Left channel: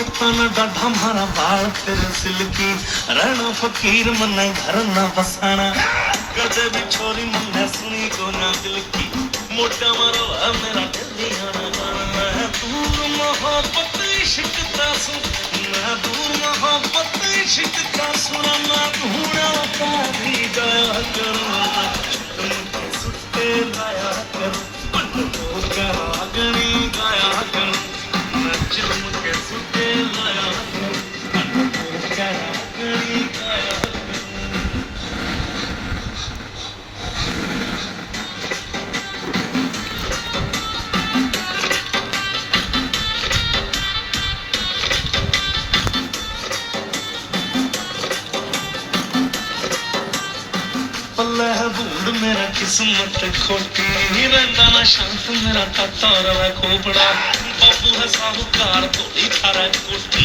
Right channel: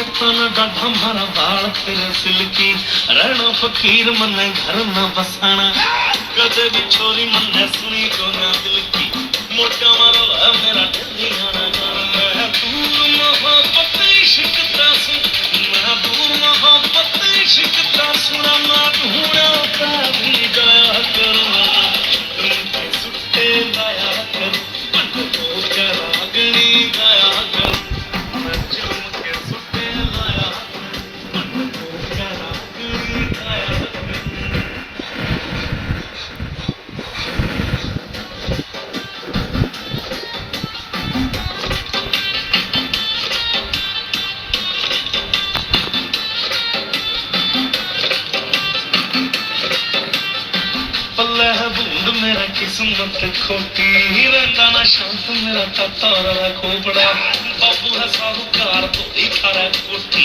कट्टा डाढ़ा मारा बाल तेरे सिल्की रहना फकीर मन्ना घर ना बसाना कदे भी छोरी मन्ना सुनी को ना दिल की मोटा मारो है मेरा दिल ना जाना मैं दूर मोहब्बत इश्क सु मैं दूर मोहब्बत इश्क सुना ना ढूंढा का भी गया करूँ तुम सुट्टे लाया कर पंड को रागनी गाया कर मैं चुम के सुट्टे लाया कर पंड को रागनी गाया पल्ला है बूंद मेरा किस्मत खोटी रहता ना शांत मेरा तारा खोपड़ा बाबू है साहूकार थोड़ी थारा कोठी